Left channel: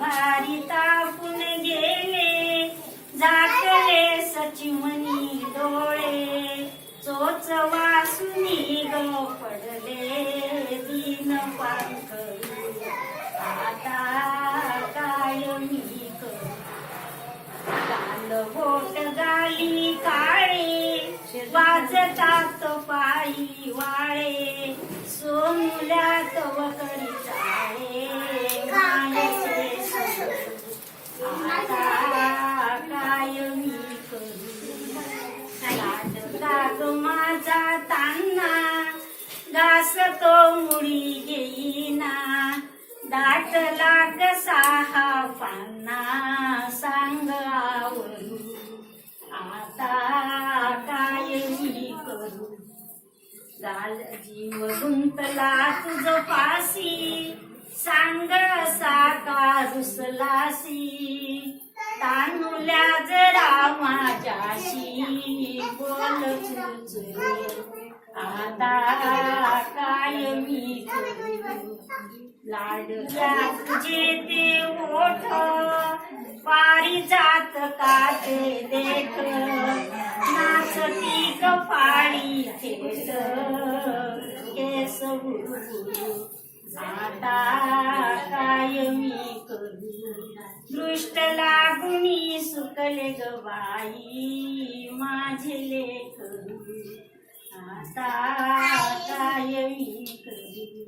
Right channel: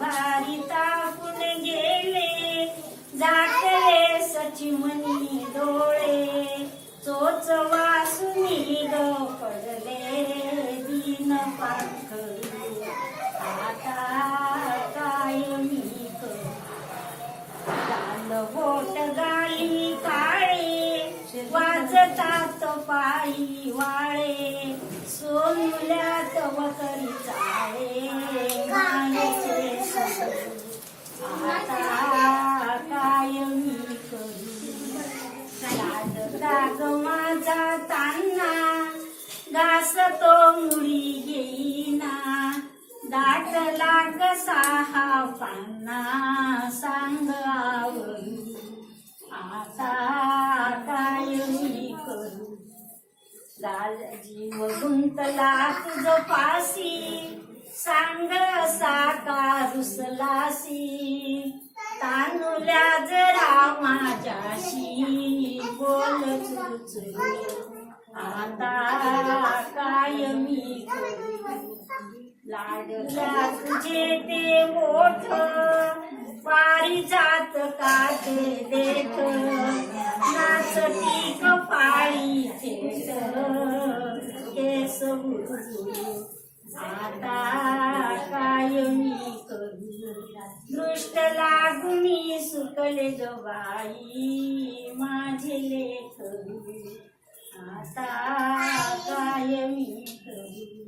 भारी तापून गेले जातले सचिमनी डोळे चोच वासुनी ग पडले दीन पाखरू आता काय मी करू लाल बोट गाली काळे वाजतात पायी वाळे सोमुल्यात वकरी चाळे आता काय मी करू लाग माझा तान्हा घास तो मुळी घेईना दाट लाग साहा पान्हा सांग आवरू आता काय मी करू गाल जीव गुंतला तुझ पासी सांग साका रुसलासी तानुल्या जरा माझ्याशी बोल चुचू आता काय मी करू लाडल्या तुझे ते ओठ पारिजात काटे देख नाचती कपाळी थेट केस आता काय मी करू दृष्ट लागुनी सुकले ग बाई माझे लेकरू आता काय मी करू